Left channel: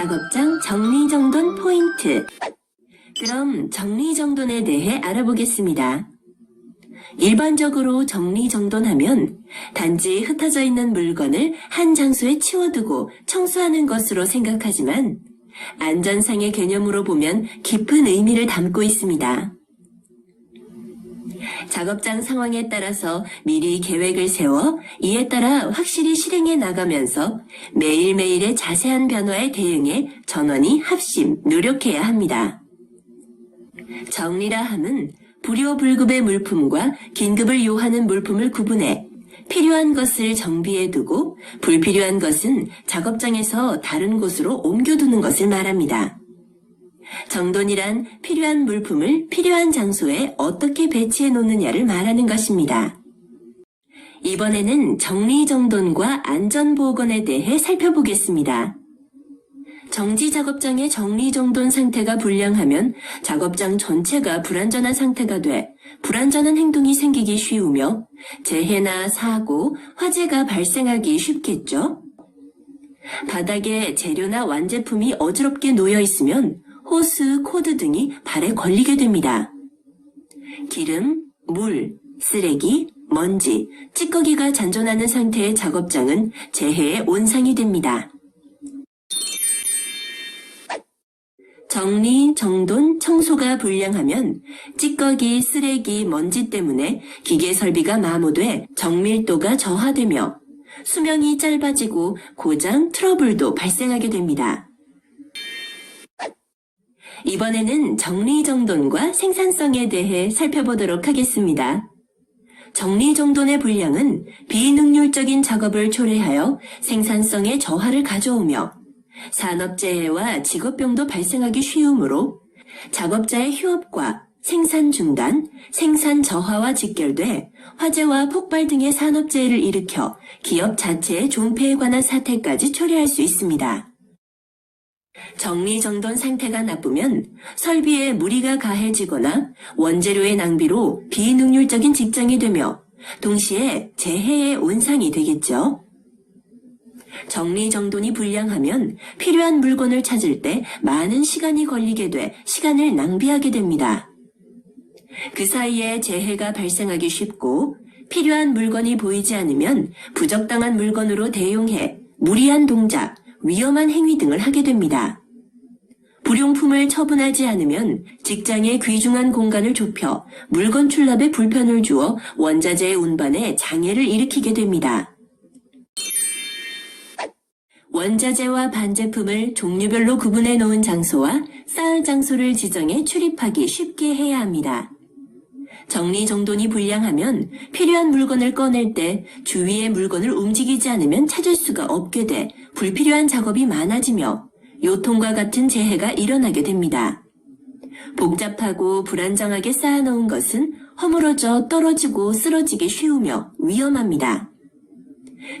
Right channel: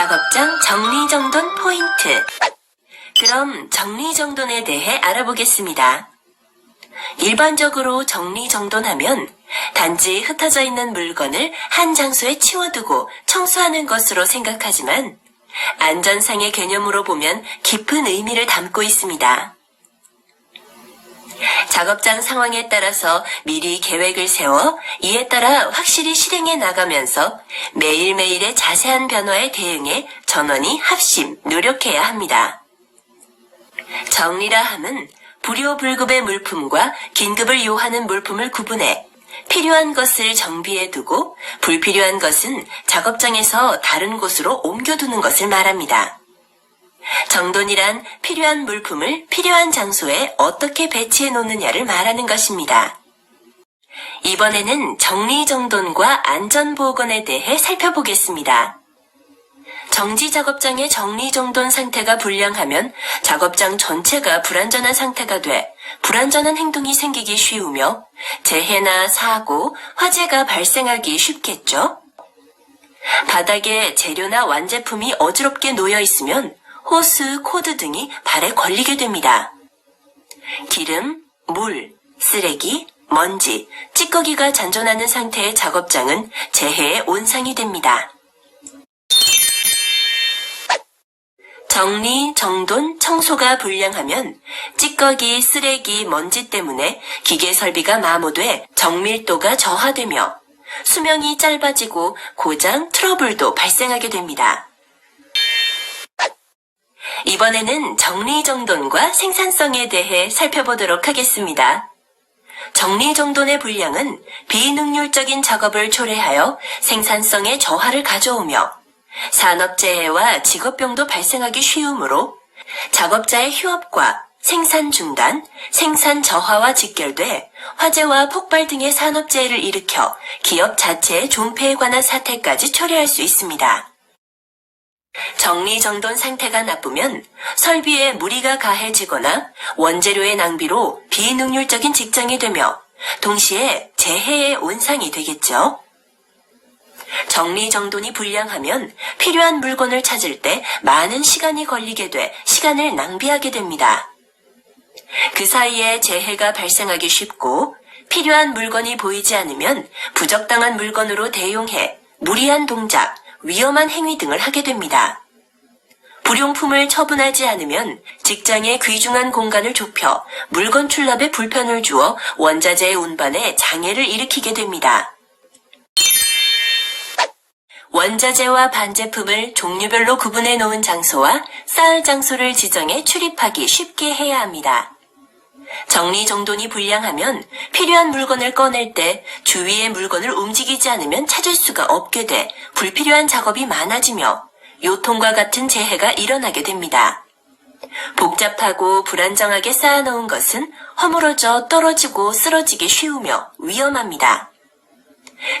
작업장 정리정돈 포인트. 그럼 정리정돈에 대해 알아보겠습니다. 일반적으로 정리정돈하면 단지 흩어져 있는 물건을 한 장소에 치워두고 청소하는 것으로 생각하지만 안전상의 개념으로 보면 깊은 의미를 담고 있습니다. 작업장 상황에 따라서 미리 계획을 세워 이에 따라 확실히 실행해 나가면서 매일매일의 자세한 변화에 대응해 전원이 합심, 노력해야 합니다. 정리라 함은 불효불급의 물품과 긴급을 요하는 물품을 구분해 필요한 것을 정비해두고 불필요한 것은 작업장에서 다른 곳으로 옮겨두는 것을 말합니다. 정돈이란 필요한 물품을 필요한 장소에 어떻게 배치해 놓느냐를 말하는 것입니다. 이번에는 정리정돈과 안전보건에 대해 살펴보겠습니다. 정지작업장의 정리정돈 상태가 불량하면 작업장 전체가 불안전한 상태가 돼 불안전한 행동이 생기기 쉬우며 재해나 사고, 화재가 발생하기 쉽겠죠? 바닥에 재료나 완제품이 어지럽게 놓여 있으면 호스, 코드 등이 발에 걸리게 됩니다. 기름, 물, 쓰레기, 먼지, 찌꺼기가 잔존하는 상태의 작업장은 재해의 온상이 됩니다. 정리, 정돈, 청소가 불량하면 찌꺼기, 쓰레기, 먼지 때문에 기계 설비가 마모돼 정밀도가 저하되며 수명이 짧아지고 고장, 트러블도 발생하게 됩니다. 이번에는 정리정돈과 생산성에 대해 살펴보도록 하겠습니다. 정리정돈의 불량은 비능률적인 작업을 초래하여 생산성에 저하를 가져오며 산업재해와 직업병도 발생하기 쉬우므로 작업자의 휴업과 생산 중단, 생산 저하와 직결돼 화재와 폭발 등의 산업재해를 일으켜 기업 자체의 존폐에 관한 사태까지 초래할 수 있습니다. 정리정돈 상태가 나쁘면 설비에 무리가 가해지거나 원재료의 낭비로 비능률적인 직장이 되며 동시에 재해의 온상이 되겠죠. 정리정돈이 불량하면 필요한 물건을 찾을 때 많은 시간이 걸리게 돼 시간을 낭비하게 됩니다. 그 사이에 재해가 발생하기 쉽고 필요한 물건이 보이지 않으면 부적당한 물건으로 대용해 무리한 동작, 위험한 행위 등을 하게 됩니다. 불용품을 처분하지 않으면 직장의 귀중한 공간을 좁혀 물건 출납에 불편을 주어 원자재의 운반에 장애를 일으키게 됩니다. 원자재와 반제품을 종류별로 구분해 놓은 장소와 쌓을 장소를 지정해 출입하기 쉽게 해야 합니다. 정리정돈이 불량하면 필요한 물건을 꺼낼 때 주위의 물건을 움직이지 않으면 찾을 수가 없게 돼 불필요한 작업이 많아지며 요통과 같은 재해가 일어나게 됩니다. 복잡하고 불안정하게 쌓아놓은 것은 허물어져 떨어지고 쓰러지기 쉬우며 위험합니다.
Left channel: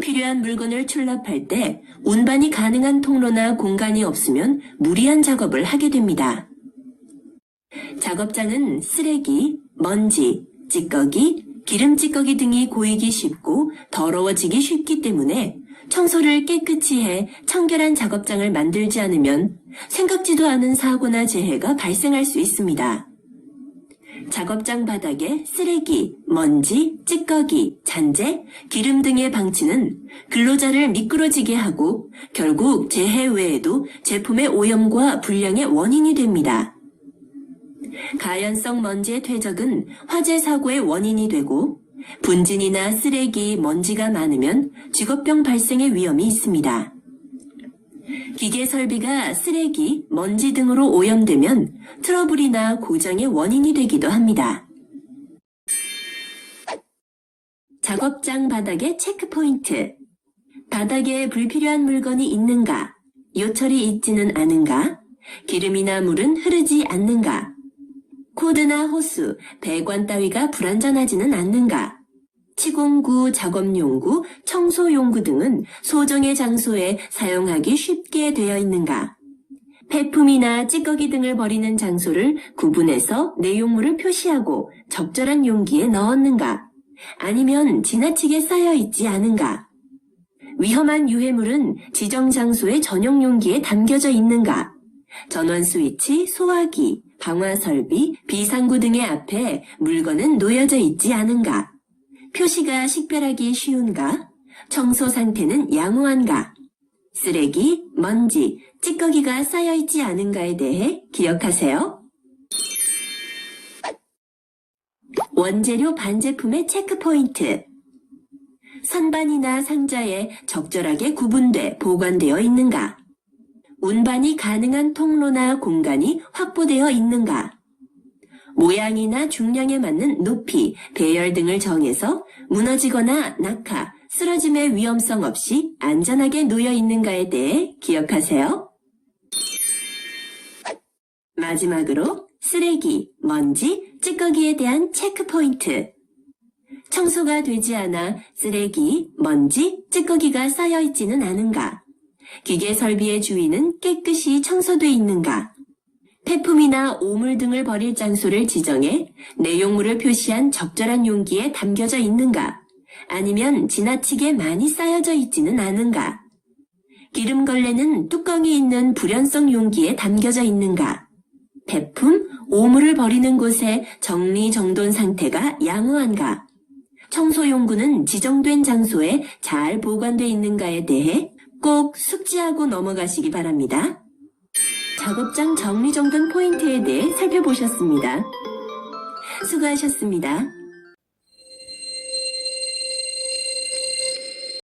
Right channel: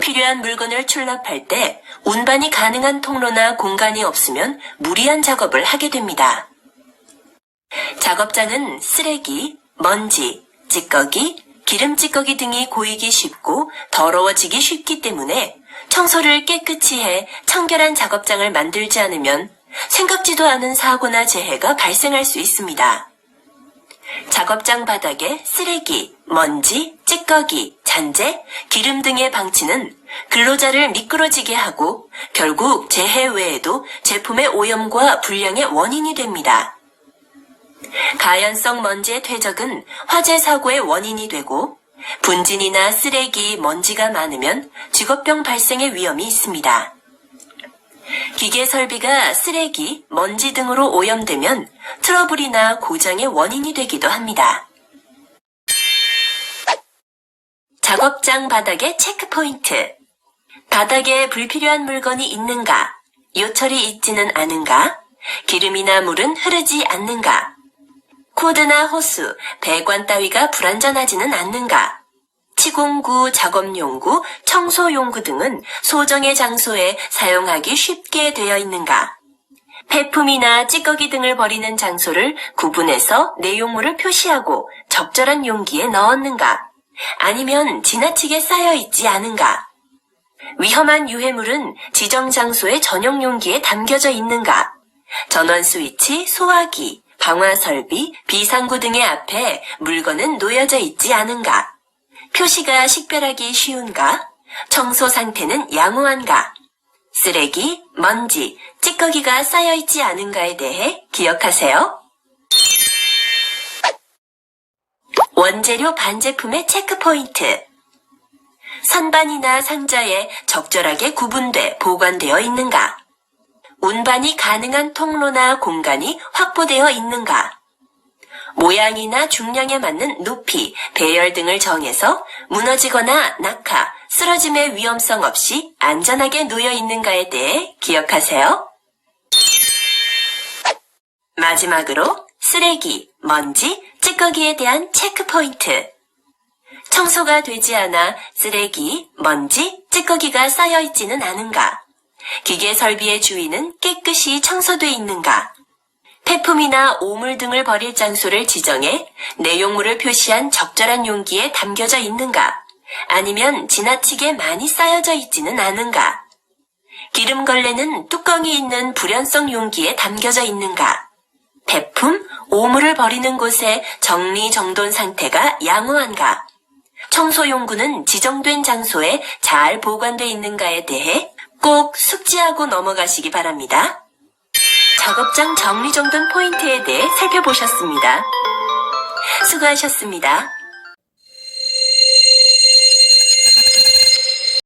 필요한 물건을 출납할 때 운반이 가능한 통로나 공간이 없으면 무리한 작업을 하게 됩니다. 작업장은 쓰레기, 먼지, 찌꺼기, 기름 찌꺼기 등이 고이기 쉽고 더러워지기 쉽기 때문에 청소를 깨끗이 해 청결한 작업장을 만들지 않으면 생각지도 않은 사고나 재해가 발생할 수 있습니다. 작업장 바닥에 쓰레기, 먼지, 찌꺼기, 잔재, 기름 등의 방치는 근로자를 미끄러지게 하고 결국 재해 외에도 제품의 오염과 불량의 원인이 됩니다. 가연성 먼지의 퇴적은 화재 사고의 원인이 되고 분진이나 쓰레기, 먼지가 많으면 직업병 발생의 위험이 있습니다. 기계 설비가 쓰레기, 먼지 등으로 오염되면 트러블이나 고장의 원인이 되기도 합니다. 작업장 바닥의 체크포인트. 바닥에 불필요한 물건이 있는가? 요철이 있지는 않은가? 기름이나 물은 흐르지 않는가? 코드나 호스, 배관 따위가 불안전하지는 않는가? 치공구, 작업용구, 청소용구 등은 소정의 장소에 사용하기 쉽게 되어 있는가? 폐품이나 찌꺼기 등을 버리는 장소를 구분해서 내용물을 표시하고 적절한 용기에 넣었는가? 아니면 지나치게 쌓여 있지 않은가? 위험한 유해물은 지정 장소의 전용 용기에 담겨져 있는가? 전원 스위치, 소화기, 방화 설비, 비상구 등의 앞에 물건은 놓여져 있지 않은가? 표시가 식별하기 쉬운가? 청소 상태는 양호한가? 쓰레기, 먼지, 찌꺼기가 쌓여있지 않은가에 대해 기억하세요. 원재료 반제품의 체크포인트. 선반이나 상자에 적절하게 구분돼 보관되어 있는가? 운반이 가능한 통로나 공간이 확보되어 있는가? 모양이나 중량에 맞는 높이, 배열 등을 정해서 무너지거나 낙하, 쓰러짐의 위험성 없이 안전하게 놓여 있는가에 대해 기억하세요. 마지막으로 쓰레기, 먼지, 찌꺼기에 대한 체크포인트. 청소가 되지 않아 쓰레기, 먼지, 찌꺼기가 쌓여 있지는 않은가? 기계 설비의 주위는 깨끗이 청소돼 있는가? 폐품이나 오물 등을 버릴 장소를 지정해 내용물을 표시한 적절한 용기에 담겨져 있는가? 아니면 지나치게 많이 쌓여져 있지는 않은가? 기름걸레는 뚜껑이 있는 불연성 용기에 담겨져 있는가? 폐품, 오물을 버리는 곳의 정리정돈 상태가 양호한가? 청소용구는 지정된 장소에 잘 보관돼 있는가에 대해 꼭 숙지하고 넘어가시기 바랍니다. 작업장 정리정돈 포인트에 대해 살펴보셨습니다. 수고하셨습니다.